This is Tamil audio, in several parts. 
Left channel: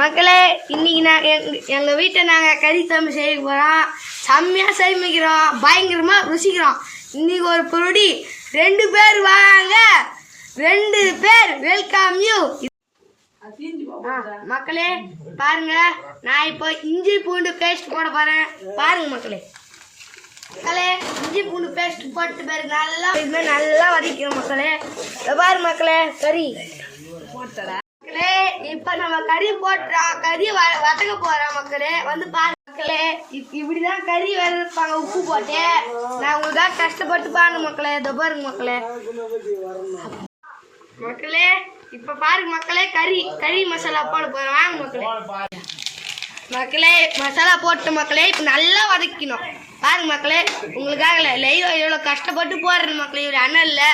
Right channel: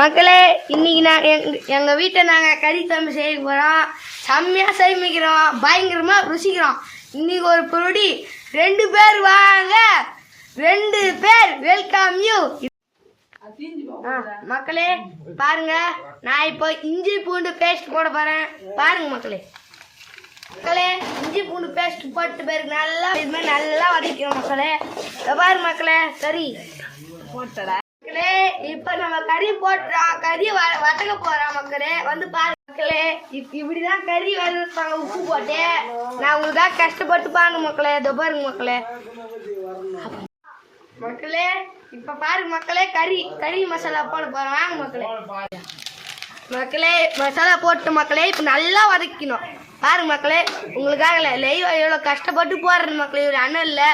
மக்களே இன்னைக்கு நான் எங் எங்கள் வீட்டில் நாங்கள் கறி தம்பி செய்ய போகிறோம் செம்மையாக சமைக்கிறோம் பயங்கரமாக ருசிக்கிறோம். இன்னைக்கு ஒரு பொருடி ரெண்டு பேர் வாங்க. ரெண்டு பேர் வெல்கம் யூ மக்களே பாருங்க. நான் இப்போ இஞ்சி பூண்டு பேஸ்ட் போட போகிறேன் பாருங்க மக்களே. மக்களே இஞ்சி பூண்டு பேஸ்ட் போட்டு பேருக்கு நல்லா இதுமாதிரி நல்லா வதக்கிறோம் மக்களே. பாரு மக்களே. சரி. மக்களே இப்ப நம்ம கறி போட்டுறோம் கறி வதக்க போறோம் மக்களே. வந்து பாரு மக்களே இப் இப்படிதான் கறி வதப்பாங்க உப்பு போட்டு. நான் உங்களுக்காக கஷ்டப்பட்டு பாருங்க மக்களே இதோ பாருங்க மக்களே. மக்களே இப்ப பாருங்க மக்களே கறி கறி மசாலா போட போறோம். வாங்க மக்களே. மக்களே மசாலா போட்ட மக்களே இப்போ நல்லா வதக்கணும். பாருங்க மக்களே உங்களுக்காக லைவ் எவ்வளோ கஷ்டப்பட்டு போடுறது மக்களே ஒரு அண்ணன் இல்லை.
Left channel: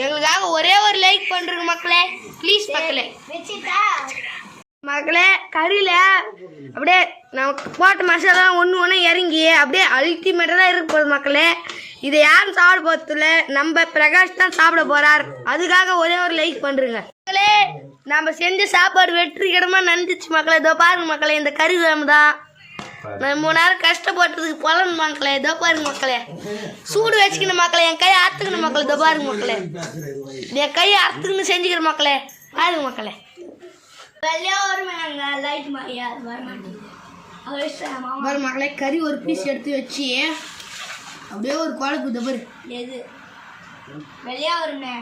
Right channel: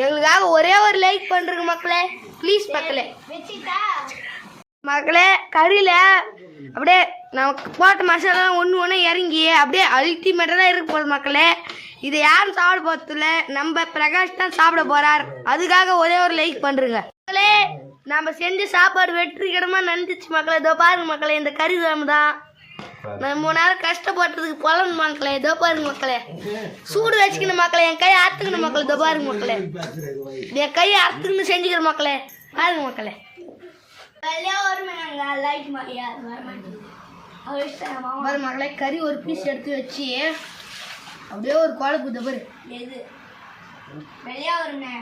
எங்களுக்காக ஒரே ஒரு லைக் பண்ணுறங்க மக்களே. ப்ளீஸ் மக்களே. மக்களே கறியில் அப்படியே நமக்கு போட்ட மசாலா ஒன்று ஒன்று இறங்கி அப்படியே அல்டிமேட்டாக தான் இருக்க போகுது மக்களே. இதை யாரும் சாப்பிட போகிறதில்ல நம்ம பிரகாஷ் தான் சாப்பிட போகிறார் அதுக்காக ஒரே ஒரு லைக் பண்ணுறங்க மக்களே நம்ம செஞ்ச சாப்பாடு வெற்றிகரமாக நந்துச்சு மக்களே. இதோ பாருங்க மக்களே இந்த கறி குழம்பு தான். மூணு நேரம் கஷ்டப்பட்டதுக்கு பலன் மக்களே இதோ பாருங்க மக்களே. சூடு வச்சுக்கணும் மக்களே என் கையை அறுத்துக்கணும் மக்களே இதோ பாருங்க மக்களே. என் கையை அறுத்துக்கணும் செஞ்சுக்கிறேன் மக்களே பாருங்க மக்களே. பாரு மக்களே கறி ஒரு பீஸ் எடுத்து வச்சு அப்படியே ஒரு குழம்பு இந்த பாரு. எது? வெள்ளையா வருமே